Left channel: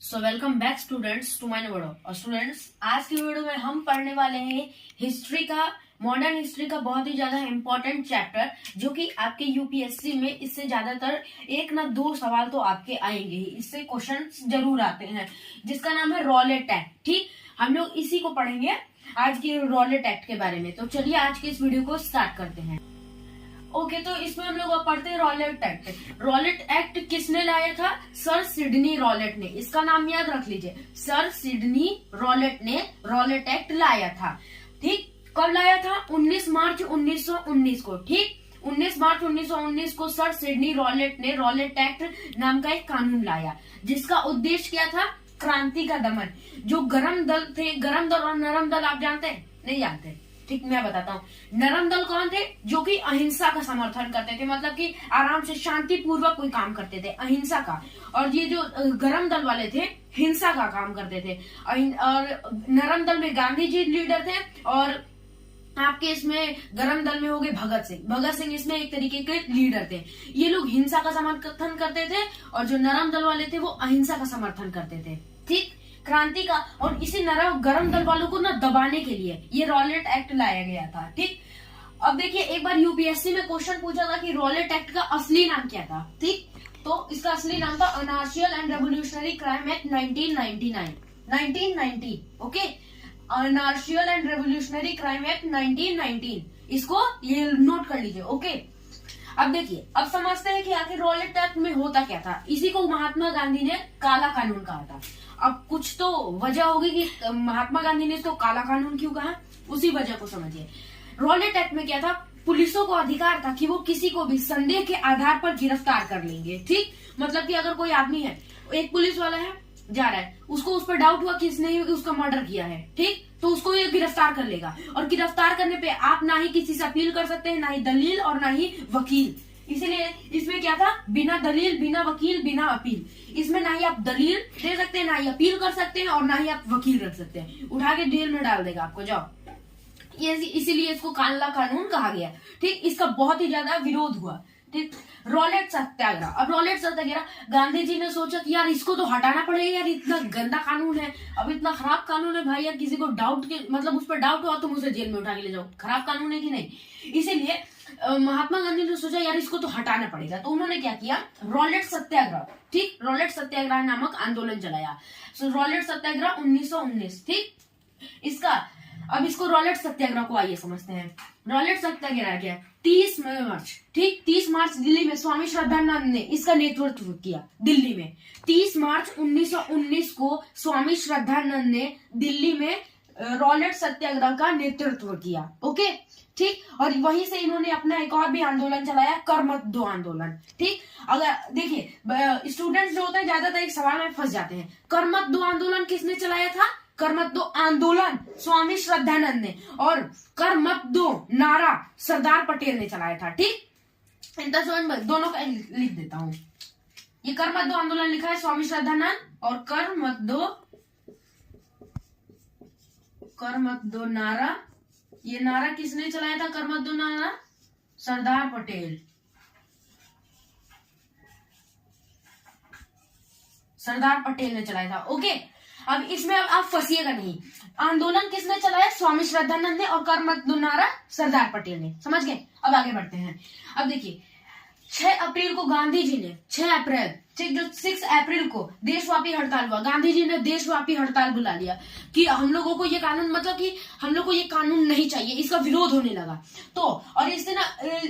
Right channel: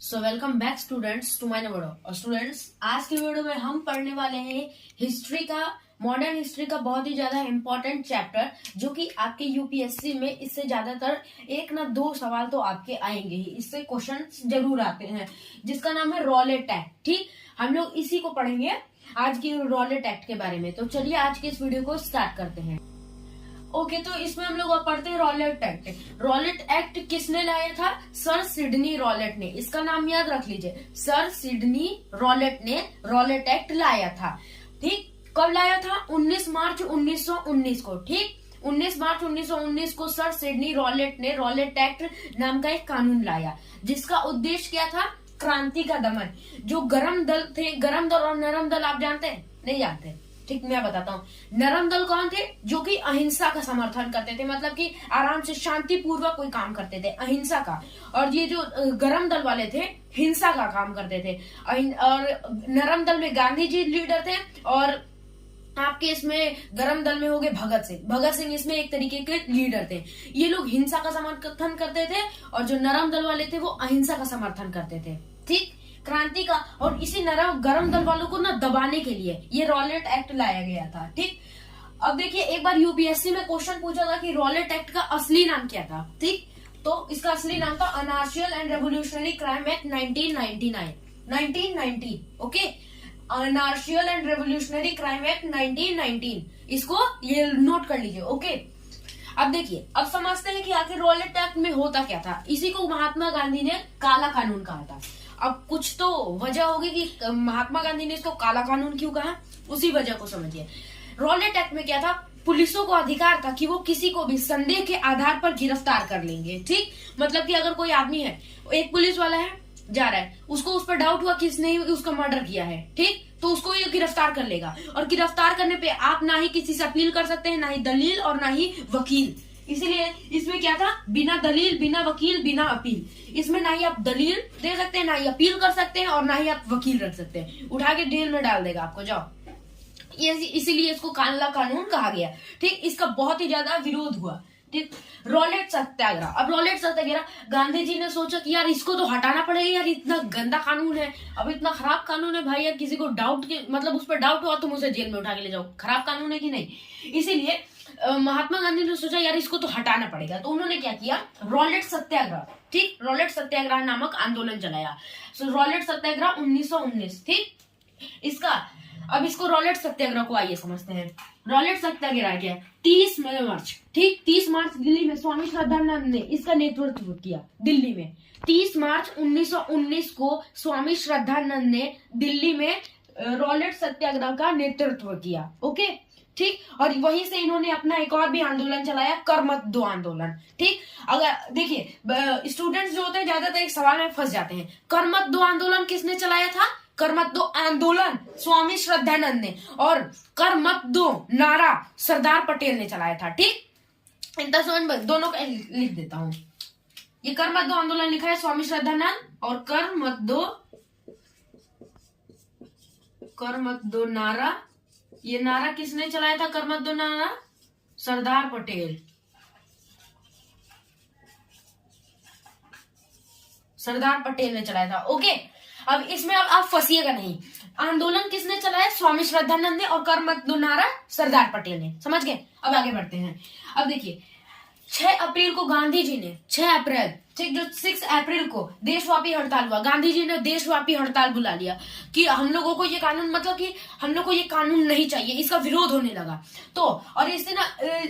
So welcome back students to my video. और students, आज की वीडियो में हम पढ़ने वाले हैं हिस्ट्री का, मॉडर्न हिस्ट्री का बहुत ही ज्यादा इंपॉर्टेंट चैप्टर, जो कि आपके यूपीएससी में इससे ज्यादातर एक ना दो सवाल तो आपके आएंगे ही, इससे क्वेश्चन जरूर आते हैं, जिसका नाम है रॉलेट एक्ट। ठीक, हम लोग इसी को पढ़ेंगे आज की रॉलेट एक्ट के बारे में। तो चलिए आज के इस वीडियो को स्टार्ट करते हैं। ओके, तो इसमें हम लोग पढ़ते हैं रॉलेट एक्ट। रॉलेट एक्ट किसने लाया था? सर सिडनी रॉलेट ने। इसका नाम याद रख लीजिए, सर सिडनी रॉलेट ने रॉलेट एक्ट लाया था। ठीक, कब लाया था? 19 मार्च 1919 को। ठीक, 19 मार्च 1919 को सर सिडनी रॉलेट ने रॉलेट एक्ट नाम का एक कानून लाया, जिसका उद्देश्य क्या था? क्रांति का दमन। जो गरम दल थे, गरम दल और नरम दल आप जानते हैं? नहीं जानते? ठीक, मैं बताता हूँ। नरम दल कौन थे? जो कि अहिंसा का समर्थन करते थे, मतलब कि आराम से शांति पूर्वक कोई काम करते थे, अहिंसा का। और ये जो गरम दल वाले थे, हिंसा का काम करते थे। और नरम दल में गांधी जी लीडर थे, और आपके इसमें गरम दल में हो गए भगत सिंह। भगत सिंह इसमें एक तरीके के लीडर थे। ये लोग हिंसा का समर्थन करते थे, और जो नरम दल वाले थे वो अहिंसा का समर्थन करते थे। ठीक, क्रांति का। और इसी गरम दल वालों को ना दबाने के लिए ये रॉलेट एक्ट लाया गया था। ठीक, अब देखिए, एक बार यूपीएससी में क्वेश्चन पूछा था कि रॉलेट एक्ट का असली नाम क्या था। ठीक, तो इसका असली नाम था anarchical and revolutionary crime act 1990। Okay, anarchical and revolutionary crime act 1919, इसको ये नोट कर लीजिए। ओके, अब देखिए, अब समझते हैं कि आखिर रॉलेट एक्ट में होता क्या था। इसी को महात्मा गांधी ने काला कानून कहा था। अब कुछ तो वजह होगी कि महात्मा गांधी ने इसको काला कानून क्यों कहा, उसी वजह को समझिए। रॉलेट एक्ट में क्या था? पुलिसों को अधिकार था कि वो किसी को भी संदेह के आधार पर गिरफ्तार कर लेंगे। ठीक, मतलब कि अगर कोई आदमी है, एक पुलिस वाला है, जा रहा है, उसको उस पर डाउट हुआ कि इसने उसका मर्डर किया है। ठीक, तो उसको ये गिरफ्तार कर लेगा। और गिरफ्तार करने पे आप ना ही किसी से अपील कर सकते हैं, ना ही दलील और ना ही वकील। इसीलिए इसमें क्या था? बिना दलील, बिना वकील, बिना अपील। इसमें ना ही आप दलील दे सकते हैं, ना ही अपील कर सकते हैं, और ना ही आप वकील रख सकते हैं। उठा के जेल में डाल देगा आपको, जाओ। ये इसीलिए इसको काला कानून कहा गया। ठीक, इसका बहुत ही ज्यादा विरोध हुआ। ठीक, रॉलेट सत्याग्रह। अब रॉलेट सत्याग्रह, गांधी जी ने सोचा कि यार इसको तो हटाना पड़ेगा, यार इतना गंदा कानून है, अब इतना खराब कानून है भाई, यार किसी को डाउट के मतलब उस पर डाउट हुआ तुम उसे जेल में उठा के ले जाओ, खराब कानून है कि नहीं। इसीलिए महात्मा गांधी ने सोचा यार इसको तो हटाना पड़ेगा, तो उन्होंने क्या किया? रॉलेट सत्याग्रह। ठीक, रॉलेट सत्याग्रह नामक आंदोलन चलाया। रॉलेट सत्याग्रह 1919। ठीक, अब इसको रॉलेट सत्याग्रह को आइए समझते हैं। रॉलेट सत्याग्रह क्या है? 30 मार्च। ठीक, 30 मार्च दिल्ली में स्वामी श्रद्धानंद ने इसका नेतृत्व किया। दिल्ली में 30 मार्च 1919 को स्वामी श्रद्धानंद ने दिल्ली में रॉलेट सत्याग्रह का नेतृत्व किया। ओके, ठीक, और वहीं से इन्होंने अपना एक और भी आंदोलन चलाया, कर मत दो आंदोलन। ठीक, अगर देखिए, स्टूडेंट्स जो होते हैं ज्यादातर एक सवाल में फंस जाते हैं। कर मत दो आंदोलन किसने चलाया था? कर मत दो आंदोलन स्वामी श्रद्धानंद ने, और कर मत दो नारा सरदार पटेल ने चलाया था। ठीक, इनका समझ में दोनों का लिख देता हूं। ये कर मत दो आंदोलन लिखा है स्वामी श्रद्धानंद, और कर मत दो नारा, ये नारा किसने चलाया था? कर मत दो नारा सरदार पटेल। सरदार पटेल ने चलाया था। ओके, अब इसमें अब आप फंसिएगा नहीं। आंदोलन किसने चलाया? स्वामी श्रद्धानंद ने, और कर मत दो नारा सरदार पटेल ने। समझ गए? अब आगे बढ़ते हैं। अब देखिए, 6 अप्रैल को गांधी जी ने, 6 अप्रैल, ठीक, जो 6 अप्रैल को देशव्यापी हड़ताल हुआ, गांधी जी ने देशव्यापी हड़ताल बुला लिया कि हम लोगों को ये कानून, मतलब कि हम लोग को ये कानून नहीं चाहिए, इसका विरोध होने लगा। तो और इससे ना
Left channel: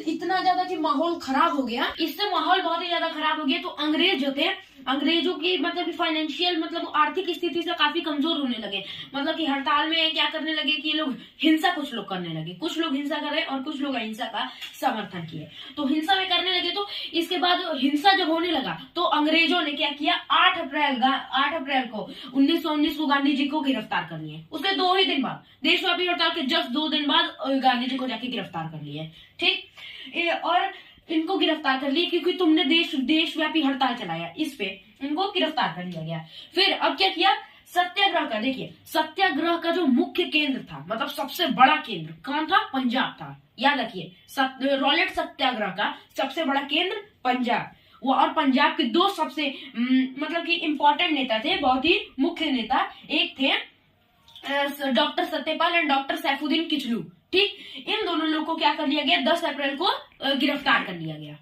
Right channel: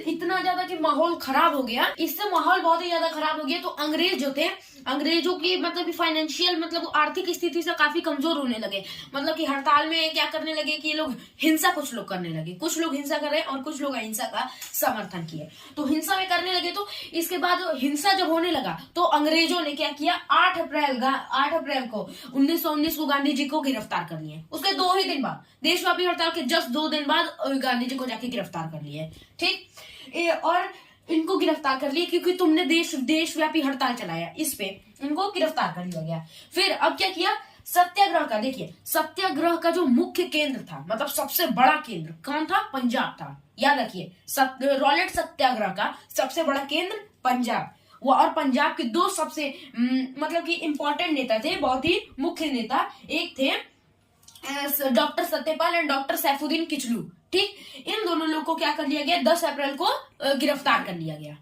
इतना ज्यादा कि माहौल खराब हो गया, इससे माहौल बहुत ही ज्यादा खराब हो गया। तो अंग्रेज जो थे, अंग्रेजों की मतलब फाइनेंशियल, मतलब आर्थिक स्थिति से काफी कमजोर होने लगे। मतलब कि हड़ताल में क्या करने लगे कि ये लोग हिंसा, कुछ लोग करने लगे, कुछ लोग हिंसा कर रहे और कुछ लोग अहिंसा का समर्थन किए। तो हिंसा में करने लगे। तो इसके बाद हिंसा जब होने लगा तो अंग्रेजों ने क्या किया? 8 अप्रैल को 1919 को गांधी जी को गिरफ्तार कर लिए। उसके 2 ही दिन बाद, देशव्यापी हड़ताल के जस्ट 2 दिन बाद गांधी जी को जाके गिरफ्तार कर लिए। ठीक, और इनको गिरफ्तार कर लिए क्योंकि तुमने देशव्यापी हड़ताल चलाया, इस पे इनको गिरफ्तार कर लिया गया। फिर अब क्या किया? सत्याग्रह का, देखिए सत्याग्रह का जो मुख्य केंद्र था, मतलब सबसे बड़ा केंद्र कौन था? पंजाब था। याद रखिए, रॉलेट सत्याग्रह का सबसे बड़ा केंद्र पंजाब। वो और पंजाब के दो सबसे मतलब कि इम्पोर्टेंट नेता थे, बहुत ही मुख्य नेता। एक थे doctor Satyapal and doctor Saifuddin Kitchlew. ठीक, इन दोनों लोगों को क्या कर लिया गया, 10 अप्रैल को गिरफ्तार कर लिया गया।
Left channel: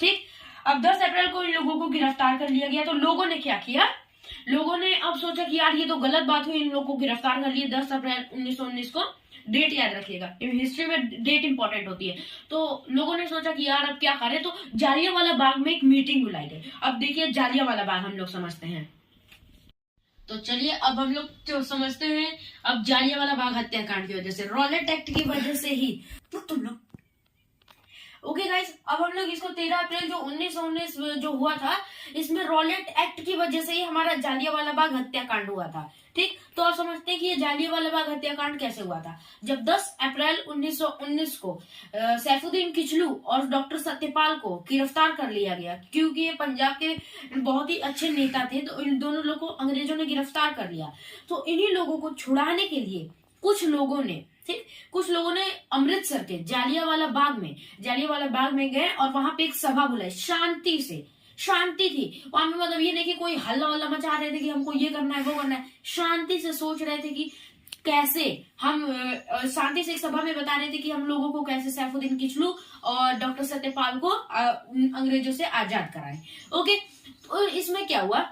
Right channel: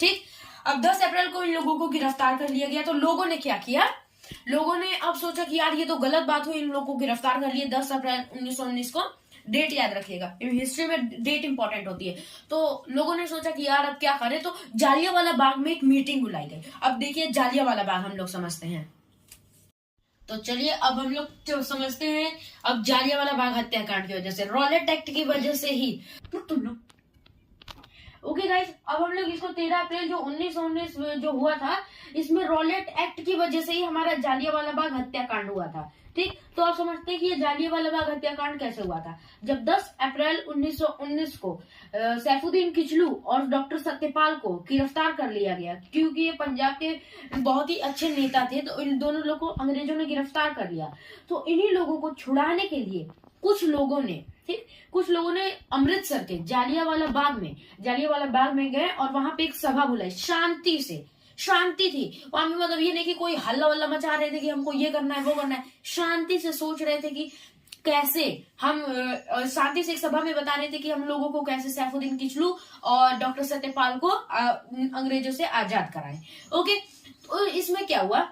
ठीक, अब 10 अप्रैल को इन लोगों को गिरफ्तार कर लिया गया, तो लोगों ने क्या किया, लोगों ने अब सोचा कि यार ये तो गलत बात हुई, इन लोगों को गिरफ्तार कर लिया 10 अप्रैल 1919 को। डेट याद रखिएगा, हिस्ट्री में डेट इंपॉर्टेंट होती है। तो लोगों ने सोचा कि यार अब क्या करें, तो जालियांवाला बाग में एक मीटिंग बुलाई गई। अब देखिए जालियांवाला बाग हम लोग समझते हैं, तो चलिए अब हम लोग समझते हैं अब जालियांवाला बाग हत्याकांड की वजह से, रॉलेट एक्ट की वजह से ही तुम लोग। ओके गाइस, अब हम लोग इसको 13 अप्रैल जो 1919 जो हुआ था, इसमें रॉलेट एक्ट की वजह से ही हमारा जालियांवाला बाग हत्याकांड हुआ था। ठीक, तो आप समझते हैं कि ये जालियांवाला बाग हत्याकांड कैसे हुआ था। जब 10 अप्रैल 1919 को सैफुद्दीन किचलू और डॉक्टर सत्यपाल को गिरफ्तार कर लिया गया, क्योंकि ये पंजाब के बहुत ही अच्छे नेता थे, तो इन दोनों लोगों को अंग्रेजों ने गिरफ्तार कर लिया। तो इन्हीं लोगों को छुड़ाने के लिए कुछ लोगों ने अमृतसर के जालियांवाला बाग में गए और वहां पे एक सभा बुलाई, शांति थी वहां पे। मतलब ये नहीं कि कोई हल्ला वल्ला मचा रहे थे कि हमको ये करना है वो करना है, शांति से सोच रहे थे कि कैसे हम शांति से एक सभा में बता रहे थे कि हम लोगों को कैसे सैफुद्दीन किचलू और डॉक्टर सत्यपाल को अंग्रेजों से आजाद कराएं। ओके, तो इसमें क्या हुआ,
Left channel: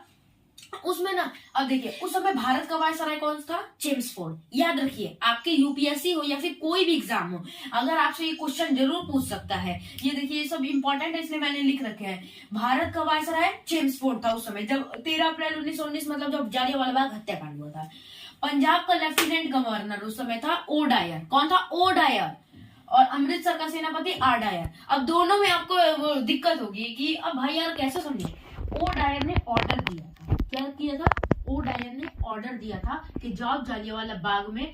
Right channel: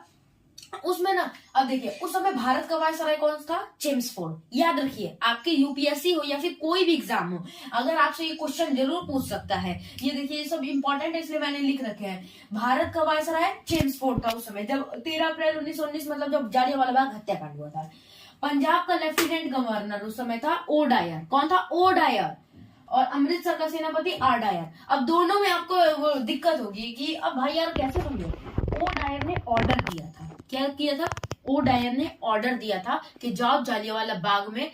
उसमें ना, अब देखिए उस समय भारत का वायसराय कौन था, चेम्सफोर्ड। याद रखिए, आपके यूपीएससी हो या फिर कोई भी एग्जाम हो, अगर आपसे ये क्वेश्चन जरूर पूछ सकता है। ये देखिए, ये सब इंपॉर्टेंट है, इसलिए मैंने लिख रखे हैं। भारत का वायसराय चेम्सफोर्ड था उस समय, जब 13 अप्रैल 1919 मतलब जब जालियांवाला बाग हत्याकांड हुआ था। पंजाब का लेफ्टिनेंट गवर्नर उस समय था ओ डायर। कौन था, ओ डायर। और अमृतसर का सेनापति आर डायर। अब दोनों में आपको दिक्कत होगी कि अब भाई यार कैसे समझो। ओ डायर ने ऑर्डर दिया था, क्या किया था, ओ डायर ने ऑर्डर दिया था कि जाओ जालियांवाला बाग में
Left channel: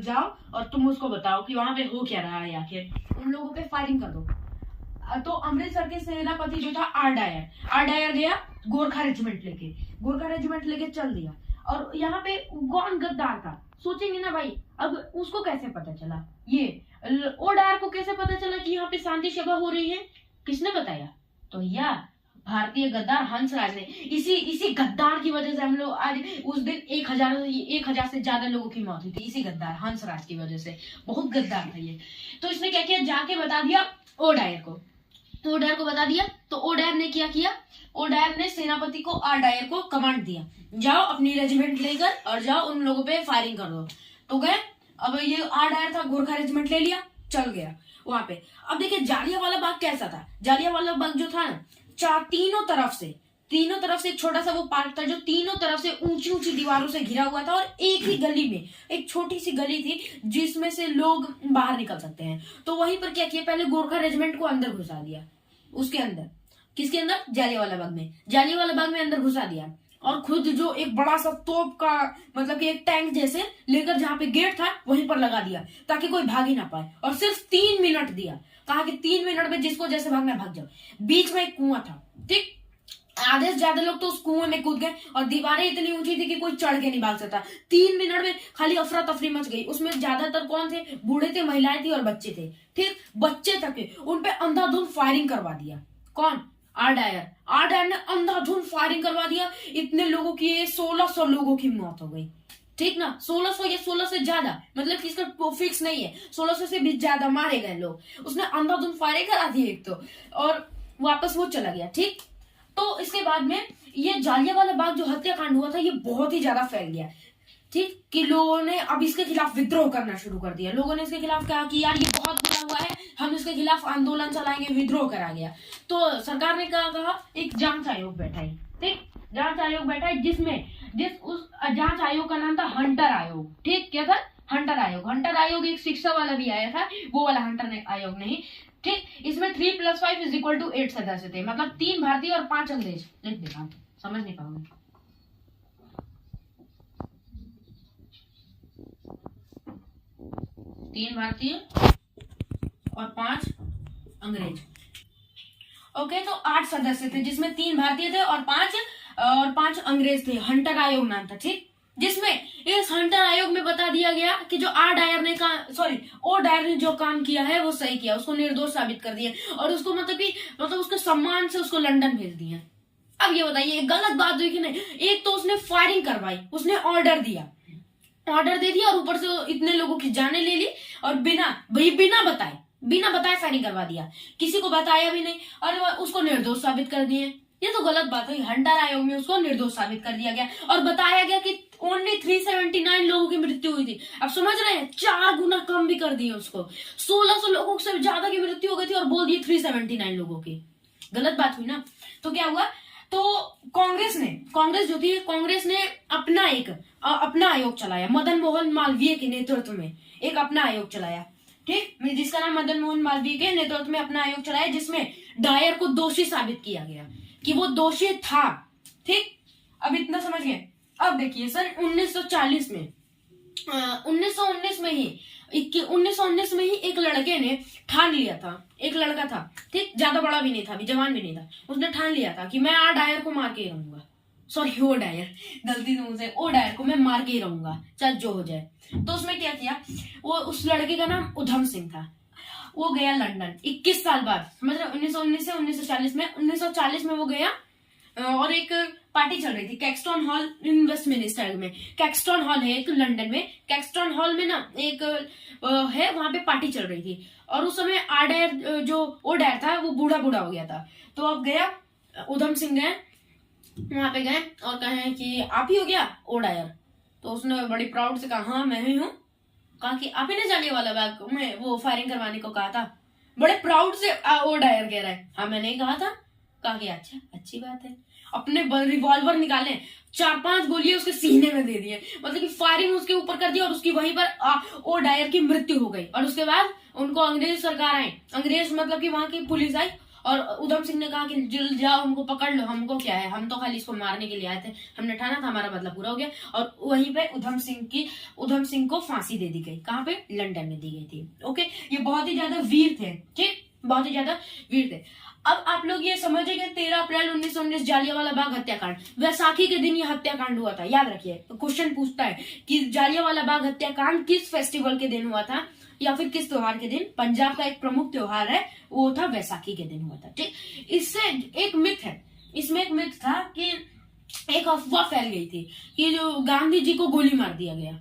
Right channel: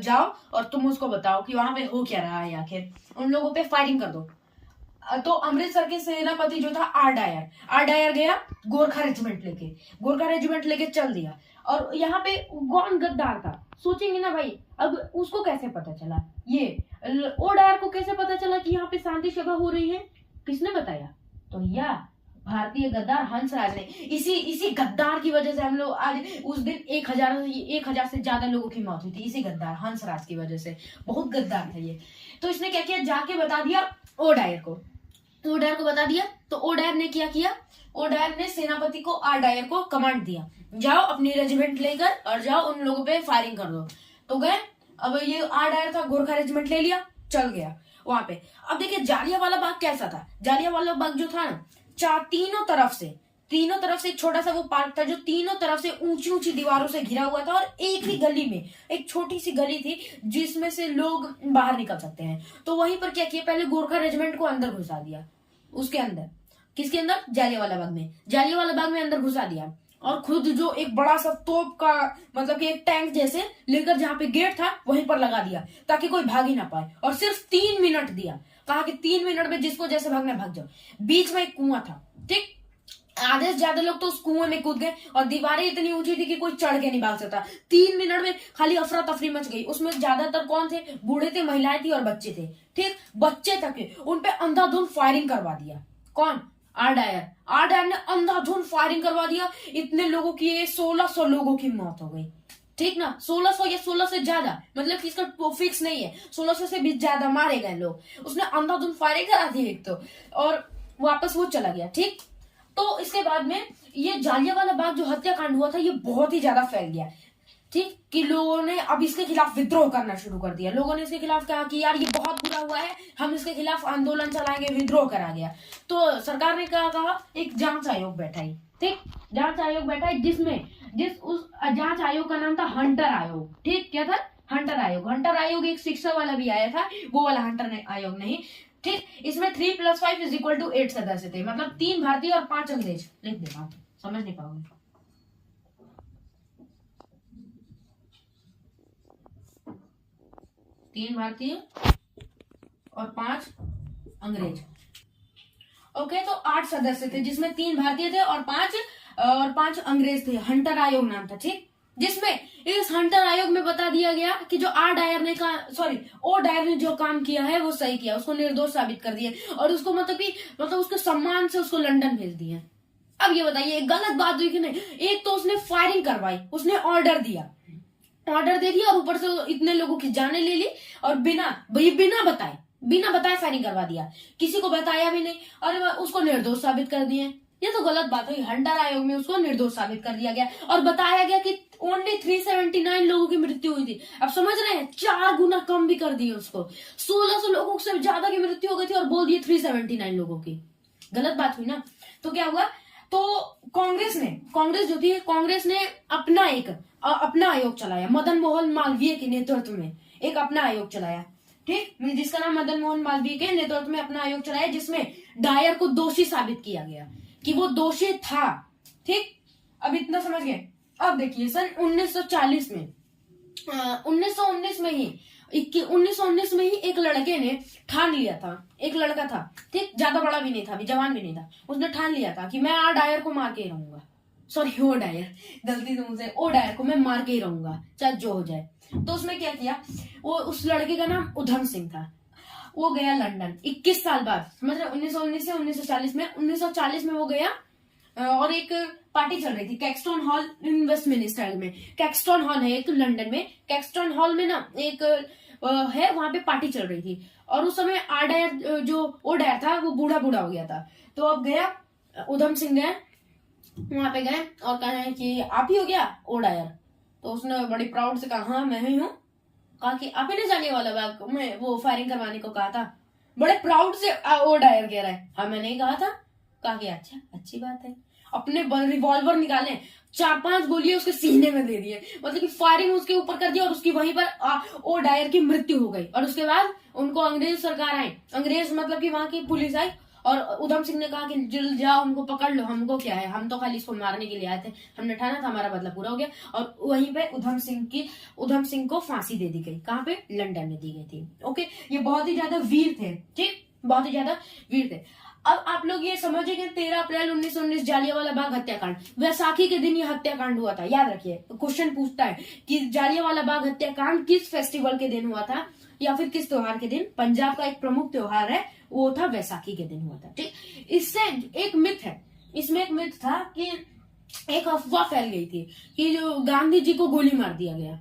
जाओ और तुम उसको बताओ कि वहां पे हो क्या रहा है, आखिर उन लोगों पे फायरिंग कर दो। तो अमृतसर के सेनापति जो था आर डायर गया गोरखा रेजिमेंट लेके चल दिया। और यहाँ पे कौन गद्दार था, सोचेंगे ना भाई, अब उसको कैसे पता चला, ये ओ डायर को कैसे पता चला कि यहाँ पे शांति सभा हो रही है, किसने बताया, तो यह भारतीय गद्दार हंसराज ने। इसी गद्दार की वजह से हम लोग आज उस दिन 1000 से ज्यादा लोगों की मौत हुई थी, इसी गद्दार हंसराज की वजह से। बहुत गद्दार था ये। तो इसने क्या किया, जाके बता दिया ओ डायर को बता दिया। तो ओ डायर ने क्या किया, ओ डायर ने सेनापति को आर डायर को कमांड दिया, जाओ अपनी रेजिमेंट लेकर और जाओ उन लोगों पे फायरिंग कर दो। तो गए, अब ये आर डायर था, गोरखा रेजिमेंट ले लिया, चल गया वहां पे। अब देखिए जालियांवाला बाग कैसा था, जालियांवाला बाग जो था ना, तीनों तरफ से एक छोटा सा वो पार्क था जो तीनों तरफ से ऊंची दीवारों से घिरा हुआ था, और एक ही गली में एक छोटी सी गली थी जिसमें से लोग बाहर निकल सकते हैं। तो वहीं पर क्या किया, पहले गोरखा रेजिमेंट को अंदर घुसा दिया, उसके अंदर, किसके अंदर, जालियांवाला बाग में अंदर घुसा दिया। और खुद जो एक बड़ा सा तोप का मतलब कि एक टैंक जैसे लेकर जहां पे गेट था वहीं पर लगा दिया, ताकि कोई भाग ही ना पाए। और सिर्फ 3 मिनट दिया, कहा कि 3 मिनट में जिसको जैसे भागना भाग जाओ। बीच में एक कुआं था, ठीक, आधे से ज्यादा लोग तो उस कुएं में कूद गए, और दीवारें इतनी ऊंची थी कि कोई चढ़ के नहीं भाग सकता। 3 मिनट में खाली अफरा तफरी मच गई। उसमें ज्यादातर कौन थे, बूढ़े थे, महिलाएं थी और बच्चे थे। ठीक, बच्चे तक उन पे अंधाधुंध फायरिंग करवा दिया। कौन, आर डायर ने अंधाधुंध फायरिंग करवा दिया। इतने लोगों की 1600 लोगों की मौत हो गई। ठीक ना, 1600 या 16 से ज्यादा, मतलब कि इसका फिक्स नहीं है, 1600 से भी ज्यादा मारे गए लोग। उसने अंधाधुंध फायरिंग करा दी एक तो, और वापस वो चला गया। ठीक, तो इसके बाद में ये जालियांवाला बाग जो हत्याकांड हुआ था ये बहुत ही ज्यादा फैल गया। ठीक, कि लोगों ने अब इसके खिलाफ विद्रोह करना शुरू कर दिया। लोगों ने इसके खिलाफ कहा कि यार ये बहुत बुरा हुआ है, हम इसके खिलाफ आंदोलन चलाएंगे, विद्रोह करा गया। तो सरकार ने क्या कहा, एक जांच आयोग बैठाई। ठीक, जांच आयोग बैठाई, उस जांच आयोग का नाम था हंटर आयोग। ठीक, क्या था, हंटर आयोग। एक शिक्षा वाला भी आया था, वो वाला हंटर आयोग नहीं। ठीक, इसमें 3 + 5 = 8 सदस्य थे, मतलब 3 भारतीय और 5 अंग्रेज। लिख देना, समझ नहीं पाओगे। 3 भारतीय और 5 अंग्रेज। ओके, तो 8 सदस्य थे, जिसमें 3 भारतीय थे और 5 अंग्रेज थे। हंटर आयोग नाम था। ठीक, जिसमें इस हंटर आयोग में बता दिया गया कि जो ओ डायर ने जो काम किया है वो सही किया, उसको निर्दोष साबित कर दिया और उसको मतलब उसके सम्मान से उसको लंदन भेज दिया। अब ये बताइए गलत बात हुई कि नहीं? एक तो उसने फायरिंग करवाई, उसने ऑर्डर दे दिया और ऊपर से इतने लोगों की जाने ले ली और बिना बताए फायरिंग करवा दिया, किसी को बताया भी नहीं और उसको निर्दोष साबित कर दिए। ये तो गलत बात हुई। हंटर आयोग में उसको निर्दोष साबित कर दिया गया और बताया गया कि ओनली 379 लोगों की मृत्यु हुई थी। अब समझ रहे हैं, 4 गुना कम भी कर दिए उसको। 1600 लोगों से ज्यादा की मृत्यु हो गई थी और बोल दिए 379 लोगों की। गलत बात हुई ना। तो क्या हुआ, तो कांग्रेस जो थी, कांग्रेस ने अपना आयोग चलाया, मदन मोहन मालवीय के नेतृत्व में एक अपना आयोग चलाया, ठीक, जिसका नाम मदन मोहन मालवीय के नेतृत्व में अपना आयोग चलाया, जिसमें डायर को दोषी साबित किया गया कि वो दोषी था। ठीक, अब इतना समझ गए। अब देखिए सन 1940 में 1919 में ही एक लड़के ने ठान लिया था, एक लड़का था, ठीक, ज्यादा बड़ा भी नहीं था, अभी जवान भी नहीं था, उसने ठान लिया था कि मैं डायर को मार के ही रहूंगा। सॉरी, ओ डायर, गलती से मुझसे, ओ डायर को मैं मार के ही रहूंगा चाहे जो हो जाए। तो उसने क्या किया, वो उस लड़के का नाम उधम सिंह था। वो गया लंदन 21 साल बाद, मतलब 1919 से 1940 में 1940 में वो गया और एक पार्टी चल रही थी कैक्सटन हॉल इन वेस्टमिनिस्टर में। कैक्सटन हॉल है एक लंदन में, कैक्सटन हॉल में ना एक है, वहां पे पार्टी चल रही थी और उस समय ओ डायर था वो बूढ़ा हो गया था। तो अब गया उधम सिंह, गए वहां पे गए और कहे कि आप ही हो गया ओ डायर? तो उसने बड़ी प्राउड से कहा हाँ मैं ही हूँ। कहा कि आप ही ने जालियांवाला बाग में वो फायरिंग करवाने को कहा था? बड़े प्राउड से ओ डायर कह रहा है हाँ मैंने ही कहा था। कहा कि अच्छा, अच्छी बात है। अपने रिवॉल्वर निकाले, 4-5 गोलियां उसके सीने में दे दिए, मतलब कि फायरिंग उसके ऊपर कर दिया और उसकी वहीं पर ओ डायर की मृत्यु हो गई। और उसके बाद उनको अंग्रेज सरकार आई, अंग्रेज मतलब कि वहां की पुलिस आई और उधम सिंह ने कहा कि जल्द जाओ उनको पकड़ लो, हमको क्या है, हम तो खाली इसको मारने के लिए आए थे, हमने ठाना था, हमारा बदला पूरा हो गया। और वहीं पे उधम सिंह को फांसी दे दी गई। कहाँ पे? लंदन में दी गई थी। ओके, ये बहुत ही ज्यादा वीर थे, ठीक, बहुत ही ज्यादा वीर थे। अब आप लोग ये समझे कि 13 अप्रैल 1919 जालियांवाला बाग हत्याकांड, वैसाखी के दिन ये हत्याकांड हुआ था। याद रखिए, क्वेश्चन पूछता है कि जालियांवाला बाग हत्याकांड किस फेस्टिवल के दिन हुआ था या फिर किस त्योहार के दिन? पंजाब का एक प्रमुख त्योहार है, वो था वैसाखी के दिन हुआ था। ठीक, इससे एक मिथ है, इसमें एक मिथ था कि एक अफवाह फैल गई थी कि जो गांधी जी को गोली मार दिया गया,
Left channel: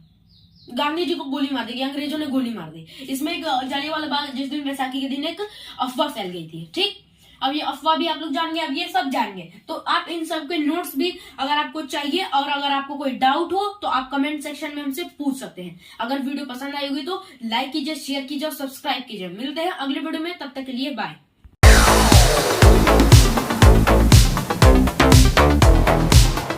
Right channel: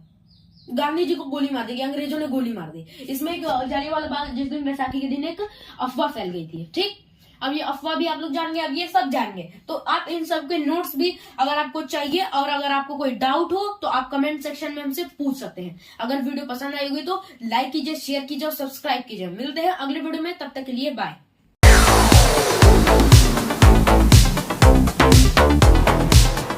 अंग्रेजों ने गोली मार दी। इसमें एक जालियांवाला बाग जिस दिन वैसाखी के दिन एक अफवाह फैल गई थी। ठीक, अब ये अफवाह भी आप लोग जान गए, अब ये सब जान गए तो आप इन सब के नोट्स भी अगर आपको चाहिए और अगर आपको कोई डाउट हो तो आप कमेंट सेक्शन में हमसे पूछ सकते हैं। अगर वीडियो पसंद आई होगी तो लाइक कीजिए, शेयर कीजिए और सब्सक्राइब कीजिए। मिलते हैं अगले वीडियो में, तब तक के लिए बाय।